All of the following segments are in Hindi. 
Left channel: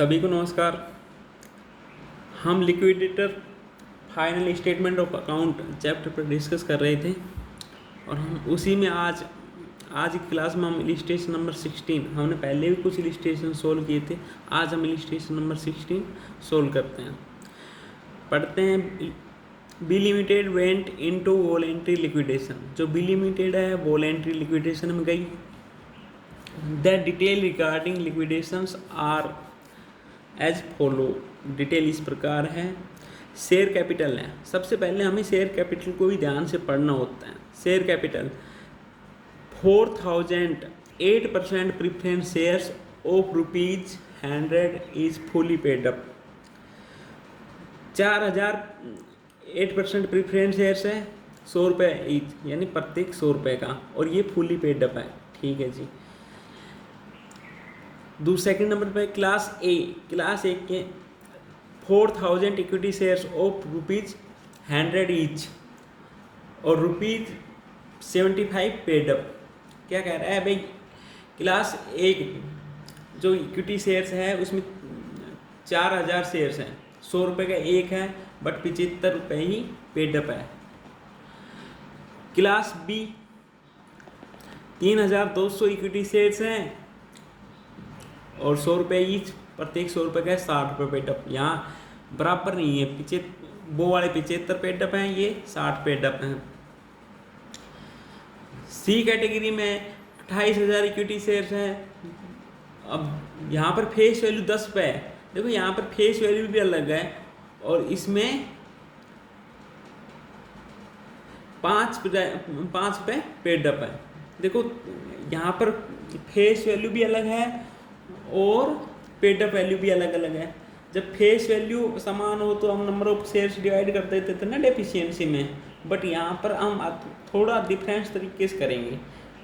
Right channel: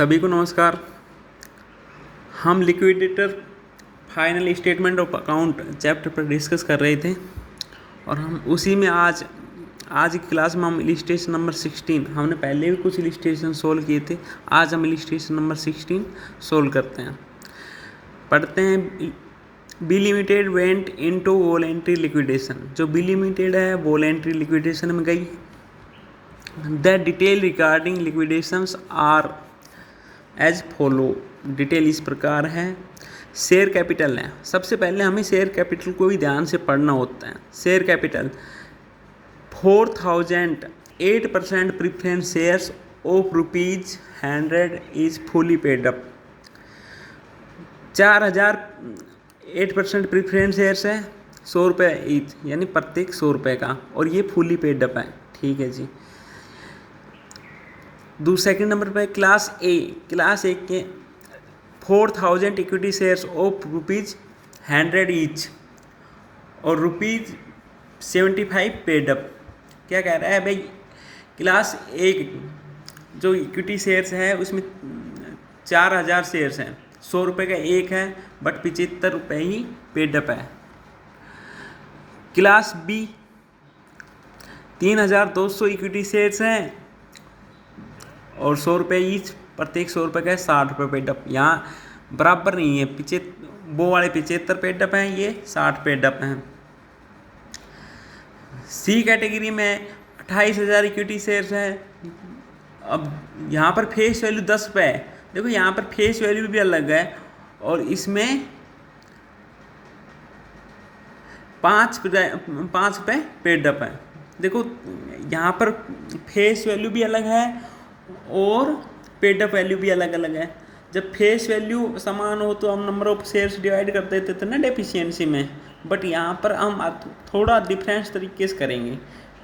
सभी को नमस्कार। हम liquidator final statement of account chapter पर डिस्कस कर रहे थे और हम उसी में आज की क्लास में हम इलिस्ट्रेशन नंबर 16, हमने पहले भी कुछ इलिस्ट्रेशन सोल्व किए थे। आज हम इलिस्ट्रेशन नंबर 16 सोल्व करते हैं। पढ़ते हैं। B limited went into voluntary liquidation. जो बी लिमिटेड है वॉलेंट्री लिक्विडेशन में गई। The detail regarding liquidations are as follow. Detail इस प्रकार है। शेयर कैपिटल है। सबसे पहले हमें शेयर कैपिटल को भी ध्यान से पढ़ना होता है। Share capital 4000 8% preference shares of ₹100 is fully paid up. 4000 8% preference shares है, 100 रुपये ईच, यानी प्रत्येक 100 रुपये का, और ये फुली पेड अप है। ठीक है जी। सेकंड नंबर पे क्लास ए के 4000 इक्विटी शेयर्स ऑफ ₹100 ईच और ₹75 पेड अप। क्या कह रहा है भाई? क्लास ए जो इक्विटी शेयर्स है उसमें 4000 शेयर्स हैं, 100 रुपये का एक है, बट 75 रुपये ही पेड अप है। क्लास बी 3200 इक्विटी शेयर्स हैं और 100 रुपये ईच, प्रत्येक 100 रुपये का 60 रुपये पेडअप। यहाँ बराबर नहीं है, वो वाले 75 पेडअप हैं, ये 60 पेडअप हैं। सी कैटेगरी में 28,000 इक्विटी शेयर्स हैं। अब यहाँ पर फेस वैल्यू 10 रुपये है। देखो यहाँ पर फेस वैल्यू भी अलग है और इसमें 5 रुपये पेडअप है। देखो यहाँ पर फेस वैल्यू भी अलग है और पेडअप वैल्यू भी अलग अलग है। जब फेस वैल्यू समान हो तो हम नंबर ऑफ शेयर्स डिवाइड कर देते थे ना डेफिशिएंसी में, बट यहाँ पर हम थोड़ा डिफरेंस तरीके से करेंगे।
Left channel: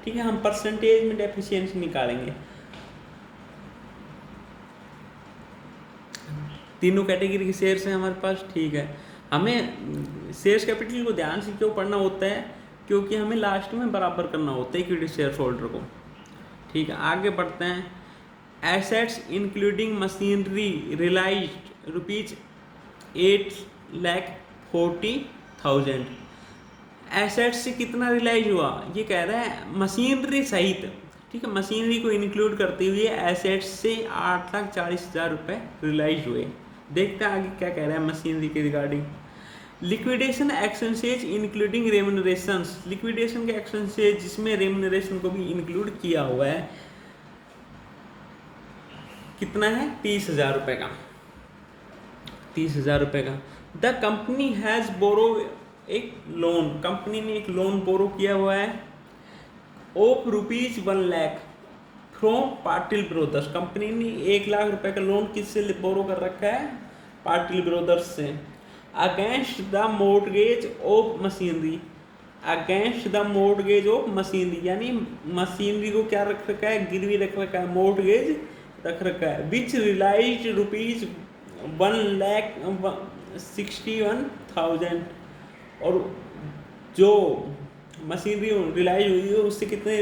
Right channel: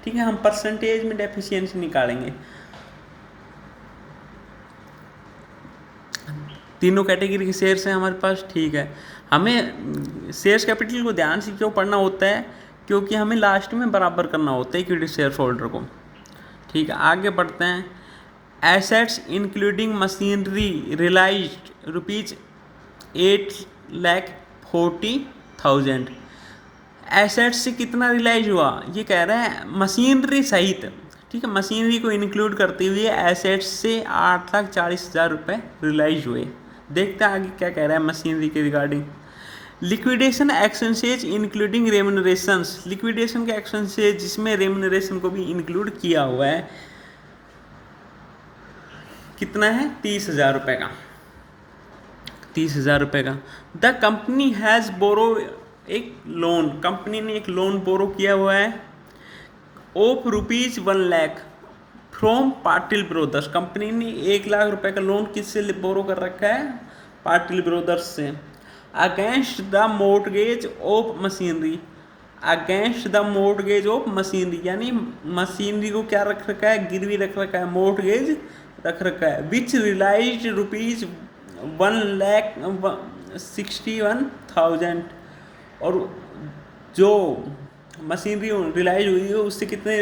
ठीक है, हम परसेंटेज में डेफिशिएंसी निकालेंगे। तीनों कैटेगरी के शेयर्स हैं हमारे पास। ठीक है, हमें शेयर्स कैपिटल को ध्यान से क्यों पढ़ना होता है? क्योंकि हमें लास्ट में बराबर करना होता है इक्विटी शेयर होल्डर को। ठीक है, आगे बढ़ते हैं। Assets including machinery realised ₹8,40,000। Assets से कितना रियलाइज हुआ? ये कह रहा है मशीनरी सहित। ठीक है, मशीनरी को इंक्लूड करते हुए एसेट्स से 8,40,000 रुपये रियलाइज हुए। देखते हैं आगे क्या कह रहा है मशीनरी के regarding. Liquidation expenses including remunerations. Liquidation के एक्सपेंसेज जिसमें रेम्यूनरेशन को भी इंक्लूड किया हुआ है, कितना है? 30,000 रुपये का। 30,000 रुपये का। द कंपनी हैज़ बोरो, एक लोन, कंपनी ने एक लोन बोरो किया हुआ है of ₹1 lakh from Patil brothers. Company ने 1 लाख रुपए का लोन किससे बोरो कर रखा है? पाटिल ब्रोदर्स से। Against the mortgage of machinery. Against the mortgage of machinery, यानी मशीनरी को क्या रख रखा है? गिरवी रख रखा है, मोर्टगेज रख रखा है। विच रियलाइज्ड ₹1,61,000। और जो मशीनरी रियलाइज हुई है उससे कितने,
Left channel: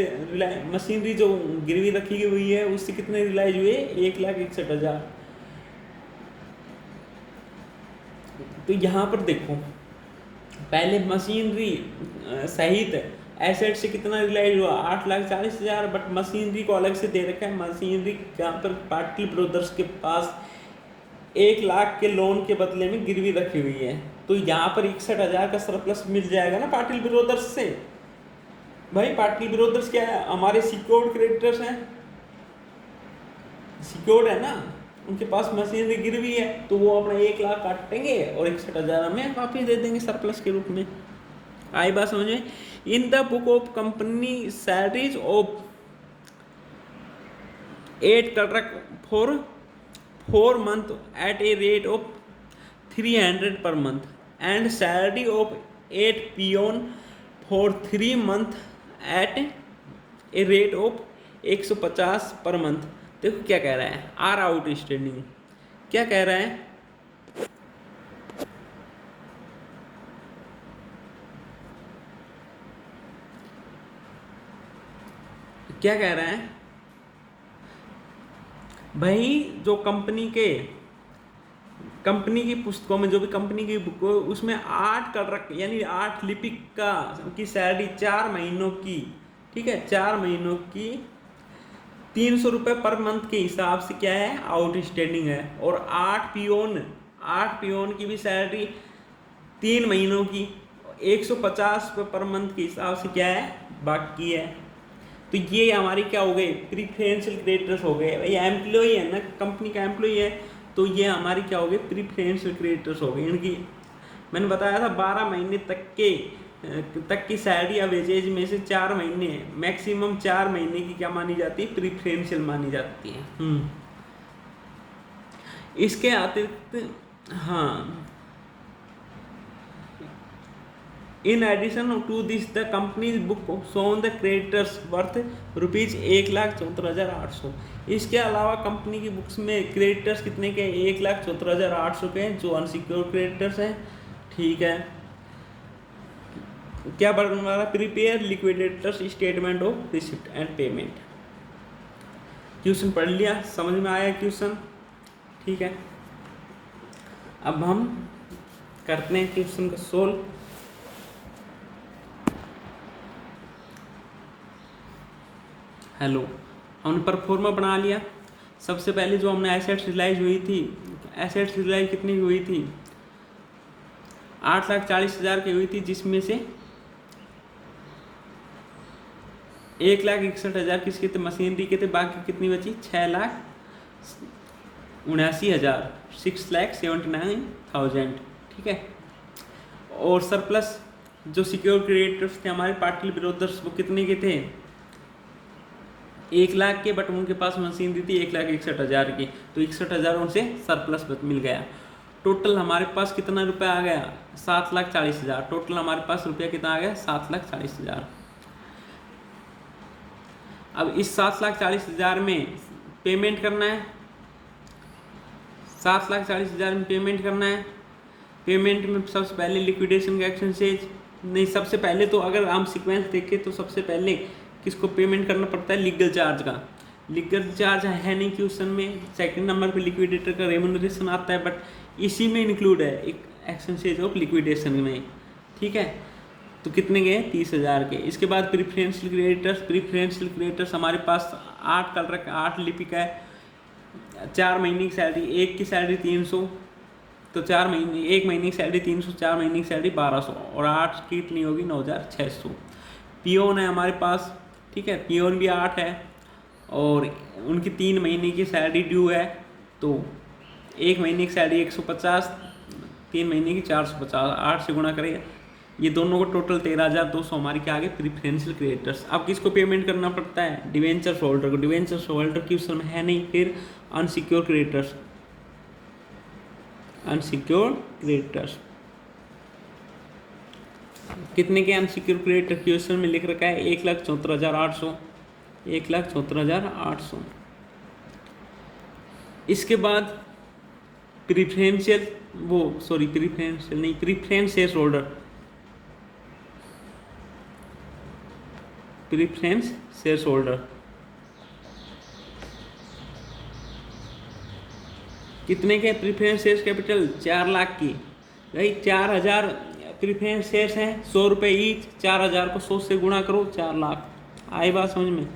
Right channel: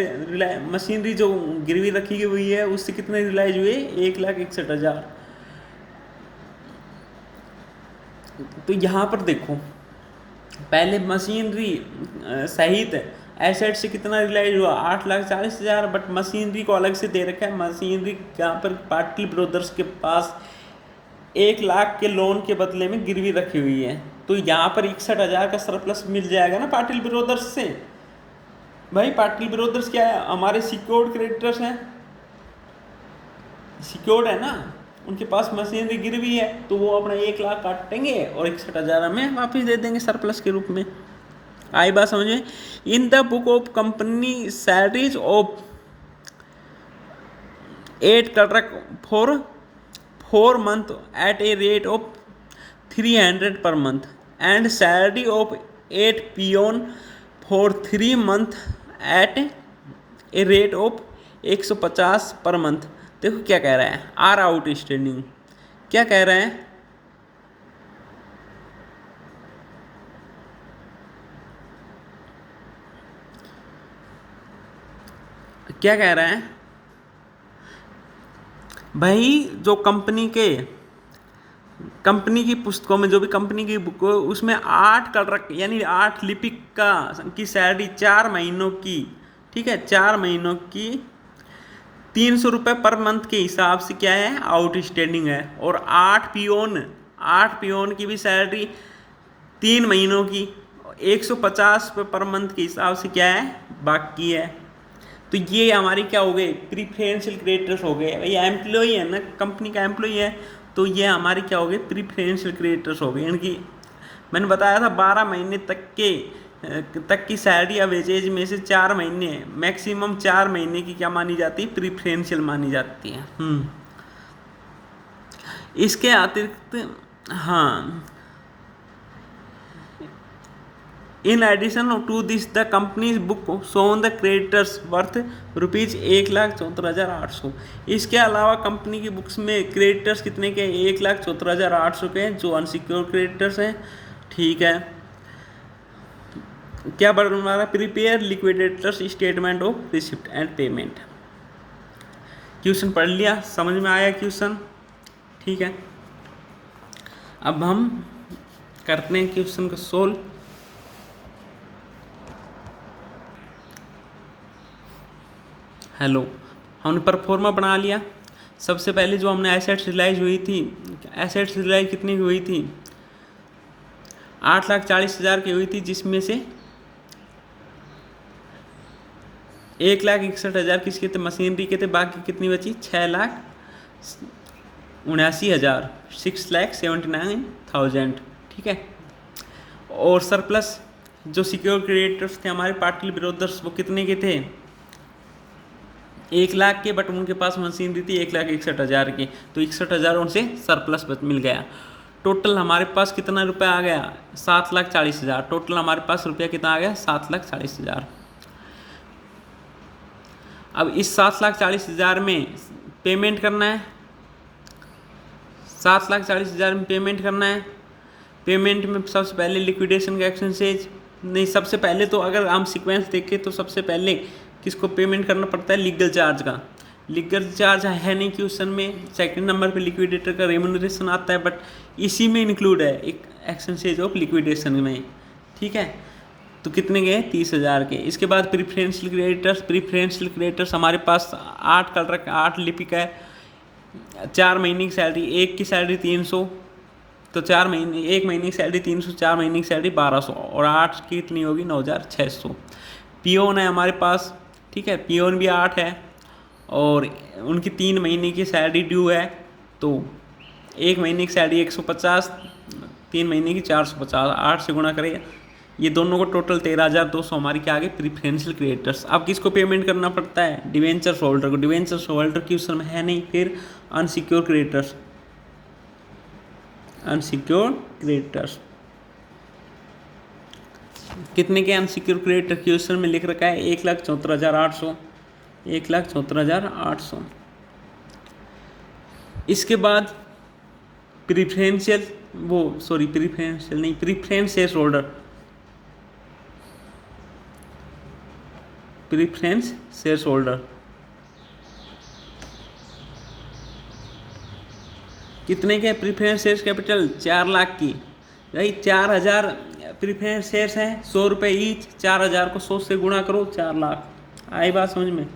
मशीनरी जो गिरवी रखी हुई है उससे कितने रियलाइज हुए? 1,61,000। तो यहाँ पर देखो, पहले मशीनरी सहित एसेट से कितना रियलाइज हुआ? 8,40,000, बट मशीनरी को अलग से दे रखा है। मशीनरी यहाँ पर पाटिल ब्रोदर्स के पास 1 लाख के लोन के बदले में गिरवी रखी हुई है, तो यहाँ पर 61,000 का सरप्लस मिल जाएगा ना पाटिल ब्रोदर्स से। भाई पाटिल ब्रोदर्स क्या है? हमारे सिक्योर्ड क्रेडिटर्स हैं, सिक्योर्ड है ना, उनके पास मशीनरी गिरवी है, तो वो अपना 1 लाख काटेंगे और 61,000 हमें वापस दे देंगे सरप्लस के रूप में। आई बात समझ में? In the book of company salaries of 8 clerk for 4 months at a rate of 300 per month and salary of 8 peon for 3 months at a rate of 150 per month। देखो क्या कह रहा है? Are outstanding. क्या कह रहा है? क्या कह रहा है? भाई जो कंपनी की पुस्तकों में जो भी कंपनी की बुक हो उसमें 8 कर रख यानी 8 लिपिक का की सैलरी 4 महीनों की, ठीक है, 4 महीनों की 300 रुपये पर मंथ के हिसाब से क्या है आउटस्टैंडिंग है। और 8 पियोन की भी सैलरी 3 महीनों की 150 रुपये पर मंथ के हिसाब से क्या है बाकी है। तो ये हमारी क्या हो गई प्रीफरेंशियल क्रेडिटर्स हो गए। ये एम्प्लॉय है ना, कंपनी का एम्प्लॉय है, तो ये हमारी क्या हो गई प्रीफरेंशियल क्रेडिटर्स हो गए। इनकी मैंने बताया था 12 महीने तक की सैलरी या वेजेज में से 4 महीने मैक्सिमम 4 महीने की क्या मानी जाती है प्रीफरेंशियल मानी जाती है। इसके अतिरिक्त हाँ, in addition to this the companies book shown the creditors worth ₹1,74,800। इसके अलावा कंपनी की बुक्स में क्रेडिटर्स कितने के 1,74,800 के जो अनसिक्योर क्रेडिटर्स हैं, ठीक है। क्या बनवा रहा prepare liquidators statement of receipt and payment. Question पढ़ लिया, समझ में आया क्वेश्चन, ठीक है। अब हम करते हैं क्वेश्चन को सोल्व। हेलो, हमने परफॉर्मा बना लिया। सबसे पहले जो हमने एसेट्स रिलाइज हुई थी, एसेट्स रिलाइज कितनी की हुई थी 8,40,000 की हुई थी, जिसमें से 1,61,000 किसके थे मशीनरी के थे, बाकी कितनी बची 6,79,000 6,79,000, ठीक है। और सरप्लस जो सिक्योर क्रेडिटर्स थे हमारे पार्टली ब्रोदर्स वो कितने के थे 1 लाख के, बट उनके पास मशीनरी थी 1,61,000 की, तो 61,000 उनसे सरप्लस मिल गया। टोटल हमारे पास कितना रुपया आ गया 7,40,000। टोटल हमारे पास रुपया कितना आ गया 7,40,000। अब इस 7,40,000 में पेमेंट करना है, 7,40,000 में पेमेंट करना है। पेमेंट में सबसे पहले लिक्विडेशन का एक्सचेंज नहीं, सबसे पहले तो अगर हम सीक्वेंस देखें तो सबसे पहले किसको पेमेंट करना पड़ता है लीगल चार्ज का। लीगल चार्ज है नहीं क्वेश्चन में, सेकंड नंबर पे लिक्विडेटर का रेम्यूनरेशन आता है, बट इसी में इंक्लूड है एक एक्सचेंज ऑफ लिक्विडेशन में, ठीक है। तो कितने गए 30,000 के। इसके बाद प्रीफरेंशियल क्रेडिटर्स हमारे पास 8 कल रखा 8 लिपिक है, 4 महीने की सैलरी, एक की सैलरी 300, तो 4 महीने 1 महीने की सैलरी 300, 4 महीने की सैलरी 1,200, और 8 की कितनी होगी 9,600। पियोन है हमारे पास, ठीक है, पियोन भी 8 है और उनकी 3 महीने की सैलरी ड्यू है, तो 1 महीने की सैलरी 150, 3 महीने की 450, 8 से गुणा करें, ये दोनों को टोटल 13,200 हमारी क्या आ गई प्रीफरेंशियल क्रेडिटर्स। अब किसको पेमेंट करना पड़ता है डिवेंचर होल्डर को। डिवेंचर होल्डर की उस समय है नहीं, फिर अनसिक्योर क्रेडिटर्स, अनसिक्योर क्रेडिटर्स कितने के अनसिक्योर क्रेडिटर क्वेश्चन में लिख रखा है 1,74,800, 1,74,800। इसके बाद preference share holder, preference share holder कितने के प्रीफरेंस शेयर कैपिटल 4 लाख की, भाई 4,000 प्रीफरेंस शेयर्स हैं, 100 रुपये ईच, 4,000 को 100 से गुणा करो 4 लाख। आई बात समझ में।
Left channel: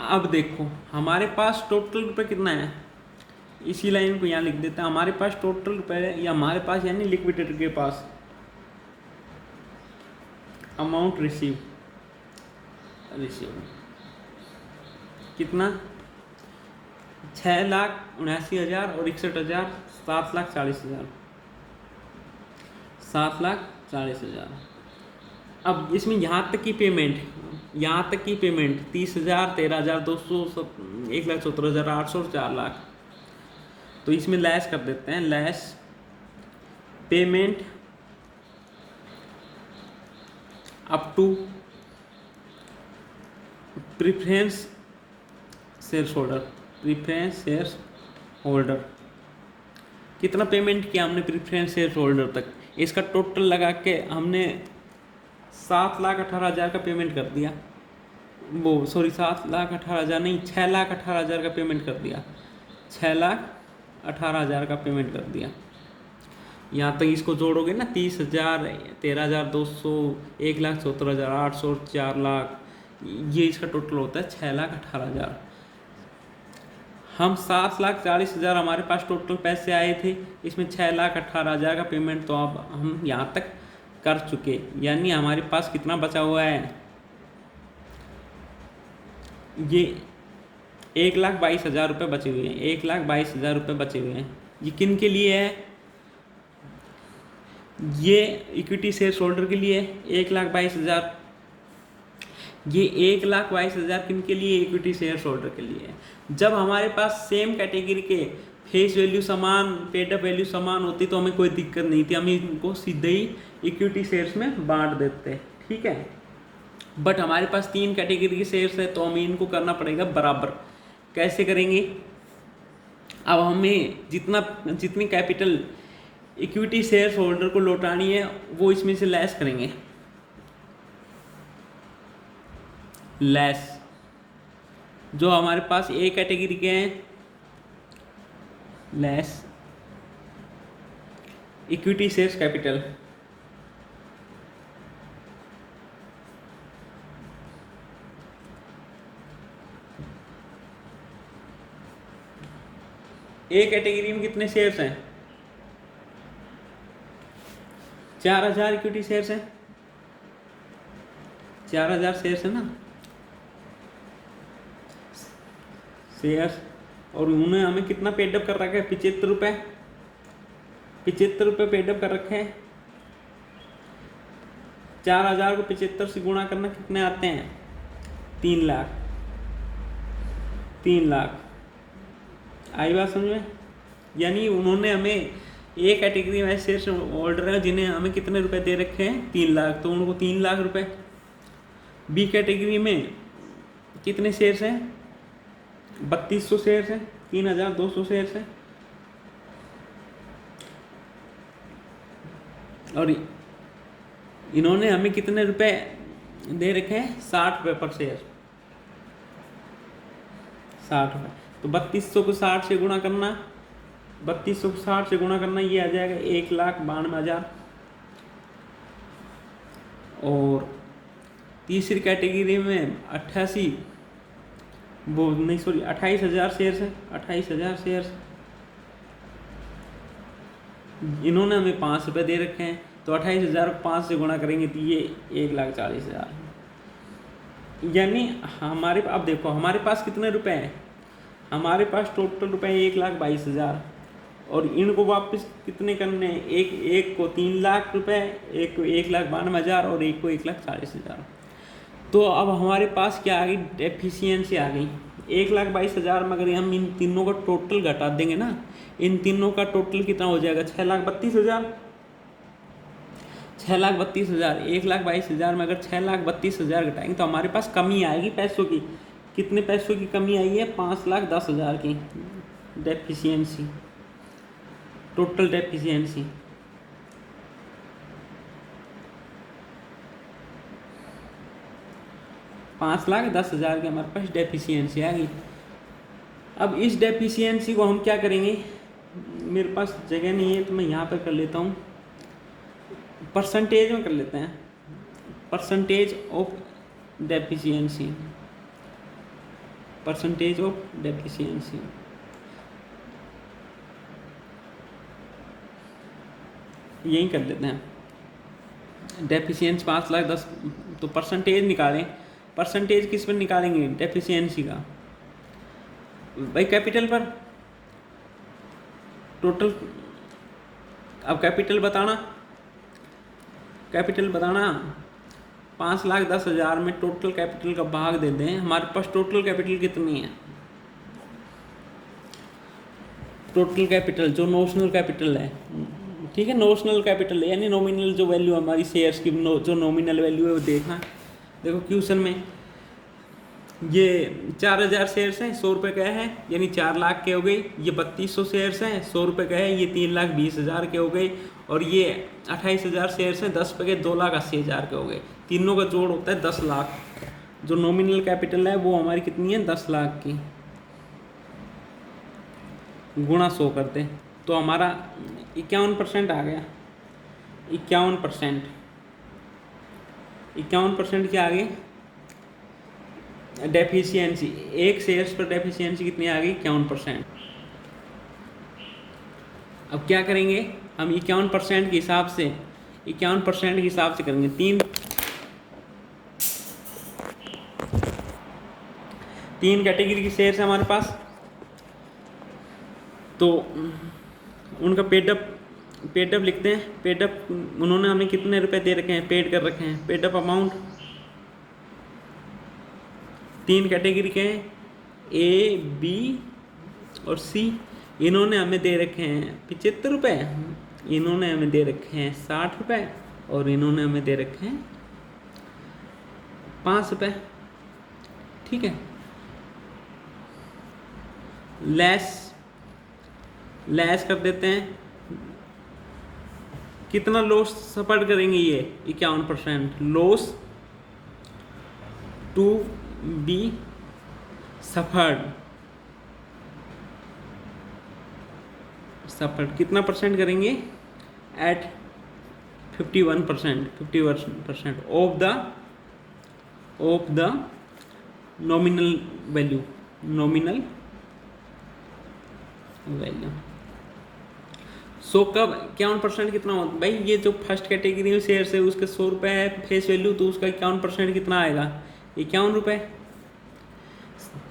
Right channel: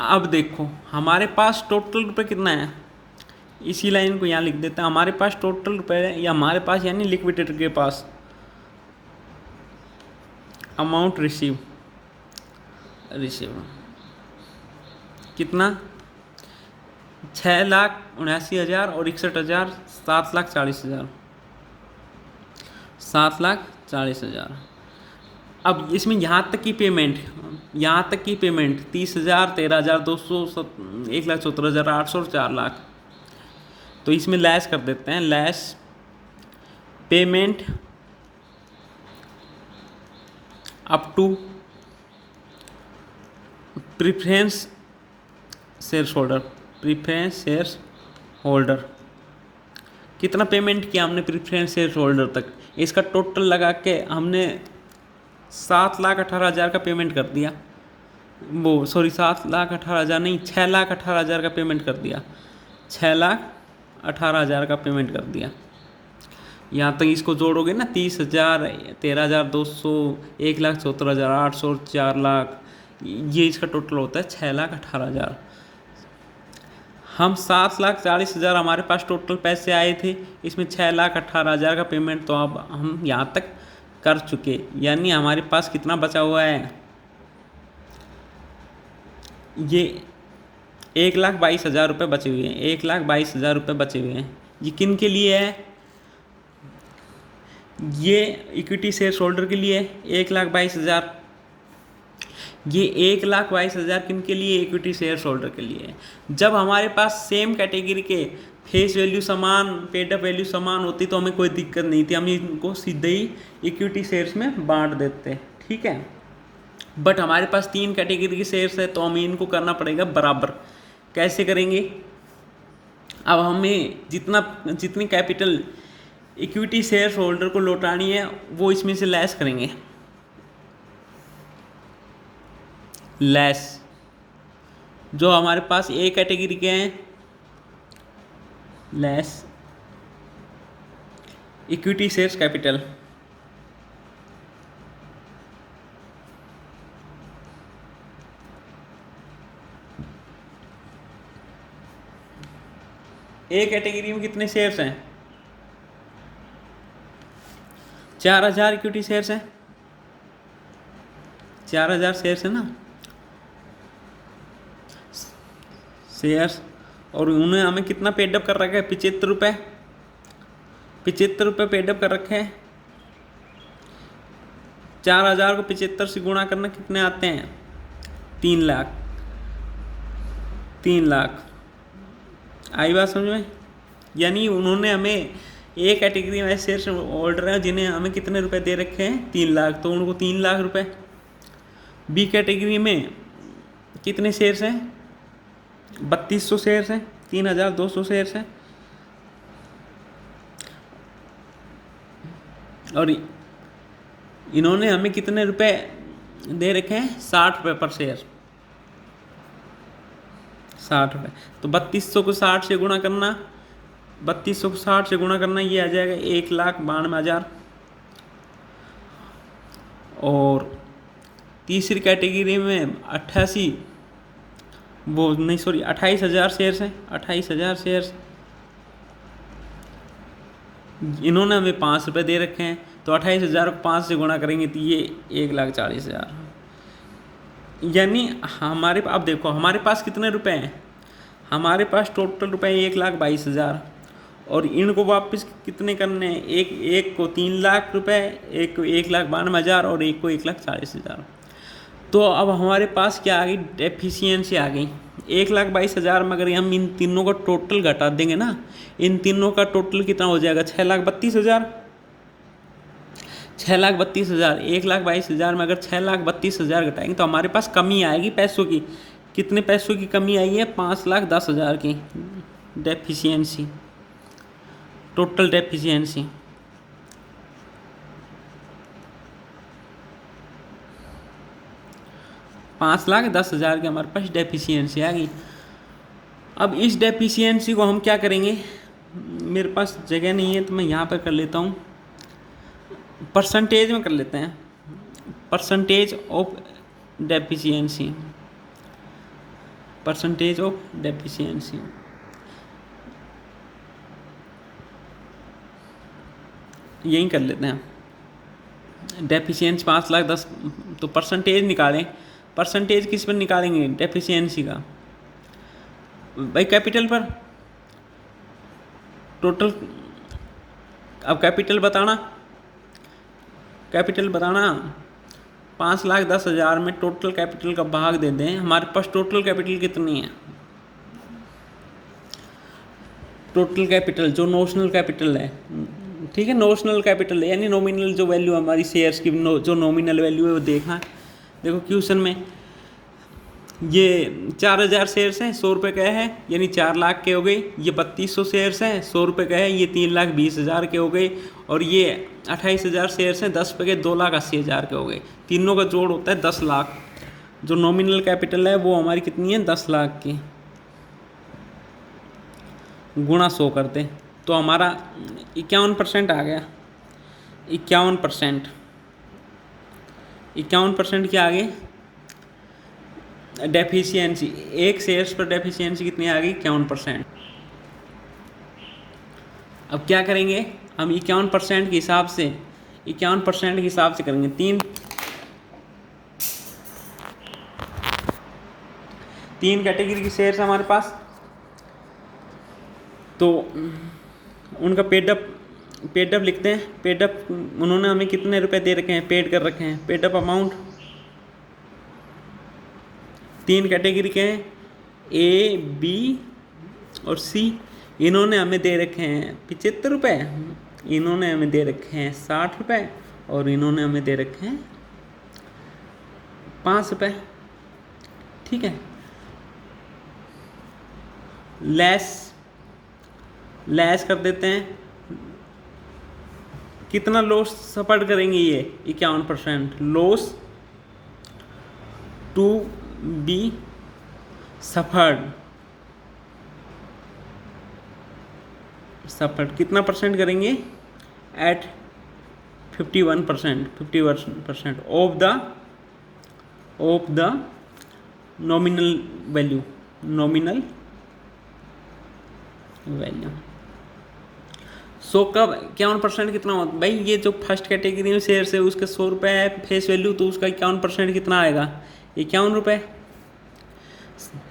अब देखो हमारे पास टोटल रुपये कितना है, इसी लाइन को यहाँ लिख देता है। हमारे पास टोटल रुपये या हमारे पास यानी लिक्विडेटर के पास अमाउंट रिसीव कितना 6,79,000 और 61,000, 7,40,000, 7,40,000। अब इसमें यहाँ तक की पेमेंट 30,000, 13,200, 1,74,800 और 4 लाख। तो इसमें लैस कर देते हैं, less payment up to preference share holder, कितना पेमेंट किया हमने प्रीफरेंस शेयर होल्डर तक, इसका टोटल लगा के हमने 7,18,000 का पेमेंट कर दिया। वो सॉरी 7,18,000 नहीं, 6,18,000 का पेमेंट कर दिया, 6,18,000 का पेमेंट कर दिया। यहाँ तक इसको जोड़ोगे ना 30,000, 13,200, 1,74,800, 4,00,000, ये इसका टोटल होता है 6,18,000। हम 7,40,000 हमारे पास टोटल पैसे आए थे, इसमें 6,18,000 का पेमेंट तो अब हम यहाँ तक कर चुके, यानी हमारे पास कितना बचा हुआ है, ये 1,22,000 रुपये बचे हुए हैं, 1,22,000 रुपये बचे हुए हैं। ये किन के लिए है, ये इक्विटी शेयर होल्डर के लिए 1,22,000। ये 1,22,000 किन के लिए, इक्विटी शेयर होल्डर के लिए है। जब हमारे पास सेम कैटेगरी के फेस वैल्यू समान, पेड अप वैल्यू समान होती तो हमें कोई दिक्कत नहीं थी, हम इनको सीधे ही इक्विटी शेयर्स में बांट देते, ठीक है। बट हमारे पास 3 कैटेगरी के शेयर्स है तो हमें इनको करना पड़ेगा बराबर। कैसे करेंगे, अब हमें जितनी कैपिटल इक्विटी शेयर होल्डर को लौटानी है वो इसमें से लेस करेंगे, लेस जो हमारे पास ए कैटेगरी के हैं, less equity shares capital. A category में कितने शेयर्स हैं, 4,000 इक्विटी शेयर्स हैं, 4,000 शेयर्स है ना शेयर्स, और उन्होंने हमें कितना पेडअप कर रखा है, 75 रुपये, 75 रुपये पेडअप कर रखे हैं। 4,000 को 75 से गुणा करना कितने आते हैं, 3 लाख, 3 लाख आई बात समझ में। यानी उन्होंने हमें ए कैटेगरी में शेयर होल्डर हैं जिन्हें हमें कितने रुपए दे रखे हैं, 3 लाख, तो उनको 3 लाख रुपए। बी कैटेगरी में कितने शेयर्स हैं, 3,200 शेयर्स हैं, 3,200 शेयर्स हैं, और इन्होंने हमें कितने रुपए दे रखे हैं, 60 रुपये पर शेयर, 60 रुपये। तो 3,200 को 60 से गुणा करना, 3,200 को 60 से गुणा करना, ये आ जाएगा 1,92,000। और तीसरी कैटेगरी में 28,000 शेयर्स हैं, 28,000 शेयर्स, इन्होंने हमें 5 रुपये दे रखे हैं, तो 28,000 को 5 से गुणा करेंगे तो ये 1,40,000। यानी हमारे, अब देखो हमारे पास कितने रुपए हैं, हमारे पास टोटल रुपए 1,22,000, और इनको वापस कितने करने हैं, एक को 3 लाख रुपए, एक को 1,92,000 और एक को 1,40,000। तो अब हमारे पास क्या आ गई, डेफिशिएंसी आ गई 1,22,000 में। अगर हम इन तीनों का टोटल घटा देंगे ना, इन तीनों का टोटल कितना हो जाएगा, 6,32,000, 6,32,000, 1,22,000 में अगर 6,32,000 घटाएंगे तो हमारे पास कमी आएगी पैसों की। कितने पैसों की कमी आई है, 5,10,000 की डेफिशिएंसी, टोटल डेफिशिएंसी। $5,10,000 की हमारे पास डेफिशिएंसी आ गई। अब इस डेफिशिएंसी को हम क्या करेंगे, मेरे पास जगह नहीं है तो मैं यहाँ पर कर लेता हूँ, परसेंटेज में कर लेते हैं, percentage of deficiency, percentage of deficiency. यही कर लेते हैं, डेफिशिएंसी 5,10,000, तो परसेंटेज निकालें। परसेंटेज किस पर निकालेंगे, डेफिशिएंसी का, भाई कैपिटल पर, टोटल। अब कैपिटल बताना, कैपिटल बताना 5,10,000 में टोटल कैपिटल का भाग दे दें। हमारे पास टोटल कैपिटल कितनी है, टोटल कैपिटल जो नोशनल कैपिटल है, ठीक है, नोशनल कैपिटल यानी नॉमिनल जो वैल्यू हमारी शेयर्स की जो नॉमिनल वैल्यू है वो देखो क्वेश्चन में। ये 4,000 शेयर्स हैं, 100 रुपये का है, यानी 4 लाख के हो गई। ये 3,200 शेयर्स हैं, 100 रुपये का है, ये 3,20,000 के हो गए। और ये 28,000 शेयर्स हैं, 10 रुपये के 2,80,000 के हो गए। तीनों का जोड़ होता है 10 लाख। जो नॉमिनल कैपिटल है वो हमारी कितनी है 10 लाख की, गुणा 100 करते तो हमारा 51% आ गया। 51%, 51% क्या आ गई डेफिशिएंसी, एक शेयर्स पर डेफिशिएंसी कितनी आ गई 51%। अब क्या करेंगे हम 51% के हिसाब से, 51% के हिसाब से करेंगे। तीन कैटेगरी की शेयर्स है हमारे पास, तो उनका पेड अप लिखते हैं। पेड अप उन्होंने हमें कितने रुपए दे रखे हैं, पेड कर रखे हैं। पेड अप अमाउंट तीन कैटेगरी के हैं, ए बी और सी। इन्होंने हमें दे रखे हैं 75 रुपये, इन्होंने हमें दे रखे हैं 60 रुपये और इन्होंने हमें दे रखे हैं 5 रुपये। ठीक है, लेस कर देते हैं। कितना लॉस सफर करेंगे ये 51%, लॉस टू बी सफर्ड कितना परसेंट करेंगे at 51% of the nominal value. So कब 51% कितना होता भाई, ये जो फर्स्ट कैटेगरी में शेयर है उसके 100 रुपये है फेस वैल्यू, तो उसका 51% कितना आएगा 51 रुपये।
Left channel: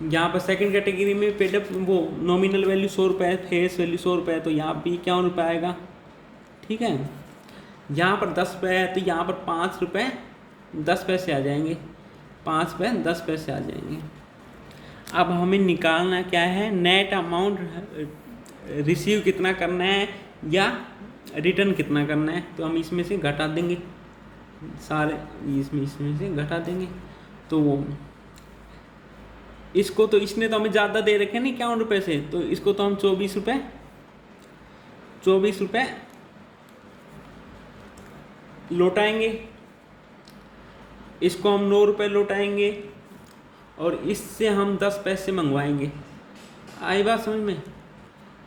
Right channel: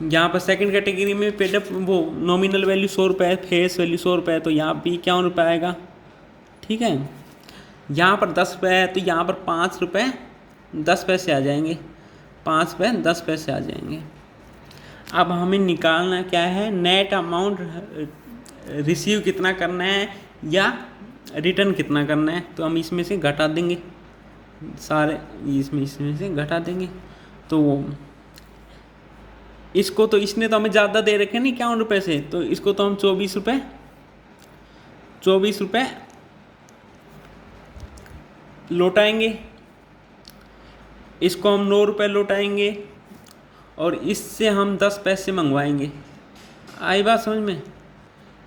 यहाँ पर सेकंड कैटेगरी में पेड वो नॉमिनल वैल्यू 100 रुपये है, फेस वैल्यू 100 रुपये है, तो यहाँ भी 51 रुपये आएगा। ठीक है, यहाँ पर 10 रुपये है तो यहाँ पर 5 रुपये 10 पैसे आ जाएंगे, 5 रुपये 10 पैसे आ जाएंगे। अब हमें निकालना क्या है, नेट अमाउंट रिसीव कितना करना है या रिटर्न कितना करना है। तो हम इसमें से घटा देंगे सारे, इसमें से घटा देंगे। तो वो इसको तो इसने तो हमें ज़्यादा दे रखे नहीं 51 रुपये से, तो इसको तो हम 24 रुपये लौटाएंगे। इसको हम 9 रुपये लौटाएंगे और इससे हम 10 पैसे मंगवाएंगे। आई बात समझ में?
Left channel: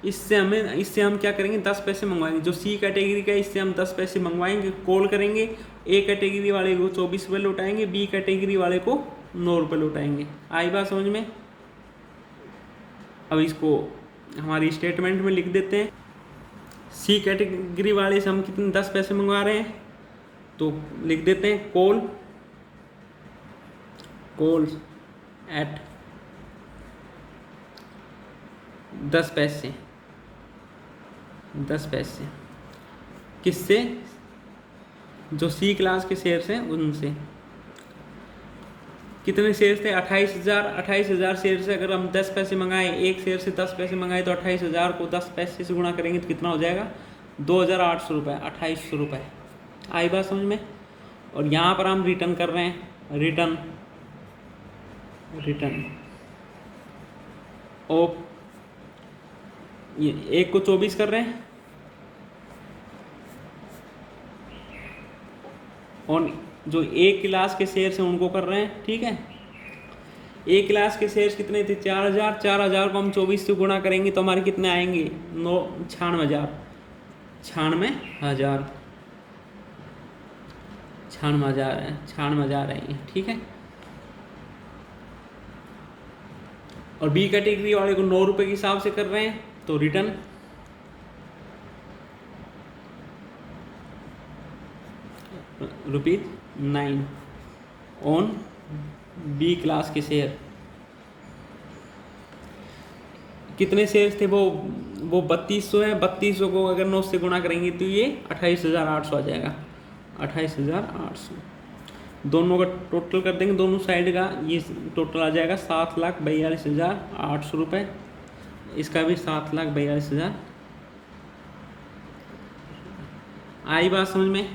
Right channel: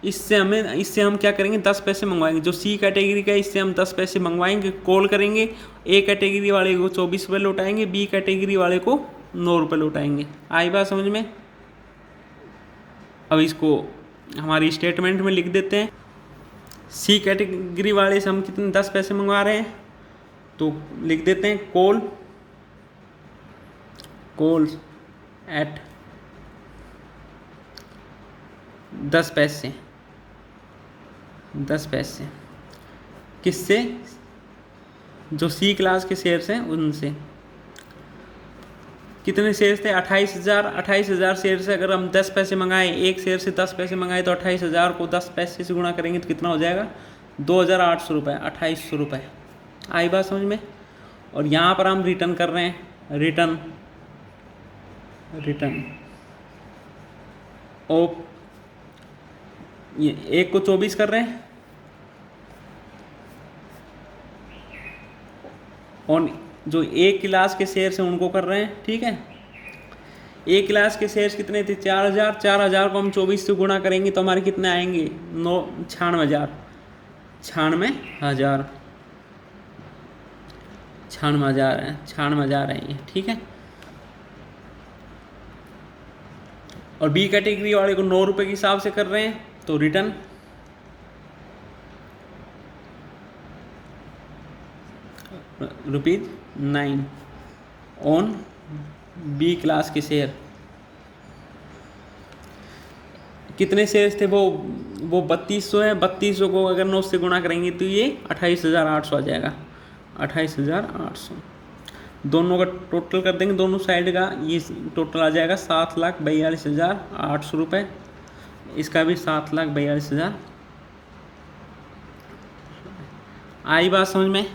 इससे हम क्या करेंगे 10 पैसे मंगवाएंगे। जो सी कैटेगरी का इससे हम 10 पैसे मंगवाएंगे, कॉल करेंगे। ए कैटेगरी वाले को 24 रुपये लौटाएंगे, बी कैटेगरी वाले को 9 रुपये लौटाएंगे। आई बात समझ में? अब इसको हमारी स्टेटमेंट में लिख देते हैं। सी कैटेगरी वाले से हम कितने 10 पैसे मंगवा रहे हैं, तो लिख देते हैं कॉल्स एट 10 पैसे। किससे? जो सी क्लास के शेयर्स हैं उनसे। कितने शेयर्स थे 28,000 शेयर से अगर हम 10 पैसे मंगाए, एक शेयर से 10 पैसे मंगाए, तो 28,000 को 10 पैसे से गुणा करेंगे तो कितना हो जाएगा 2,800 रुपये, 2800 रुपये। आई बात समझ में? और यहाँ पर हम रिटर्न कर रहे हैं, रिटर्न ऑफ, ये एक को 24 कर रहे हैं और जो एक क्लास के शेयर्स हैं उनको कर रहे हैं। ठीक है, एक क्लास के शेयर्स कितने थे 4,000 को हम 24 से गुणा करेंगे तो हमारे कितने आएंगे 96,000 है ये। ठीक है, और बी कैटेगरी वाले को 9 रुपये के हिसाब से कर रहे हैं, तो रिटर्न ₹9 ऑन बी क्लास के शेयर। कितने शेयर्स थे वो 3200 है। 3200 को अगर 9 से गुणा करेंगे तो ये 28,800 आ जाएगा, 28,800। दोनों का टोटल कर देंगे, दोनों साइड का ये टोटल आ जाएगा 7,42,800 रुपये। इसका भी 7,42,000। आई बात समझ में?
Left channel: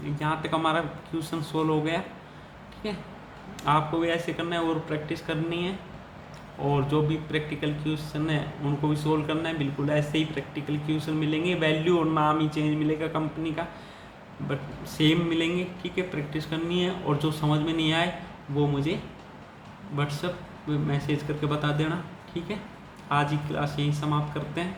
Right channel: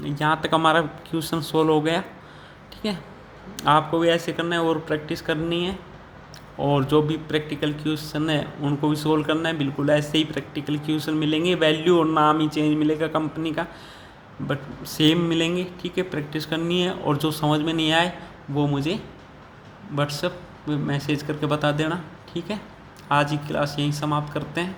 यहाँ तक हमारा क्वेश्चन सोल्व हो गया। ठीक है, आपको भी ऐसे करना है और प्रैक्टिस करनी है, और जो भी प्रैक्टिकल क्वेश्चन है उनको भी सोल्व करना है। बिल्कुल ऐसे ही प्रैक्टिकल क्वेश्चन मिलेंगे, वैल्यू और नाम ही चेंज मिलेगा कंपनी का, बट सेम मिलेंगे। ठीक है, प्रैक्टिस करनी है और जो समझ में नहीं आए वो मुझे व्हाट्सएप में मैसेज करके बता देना, ठीक है। आज की क्लास यहीं समाप्त करते हैं।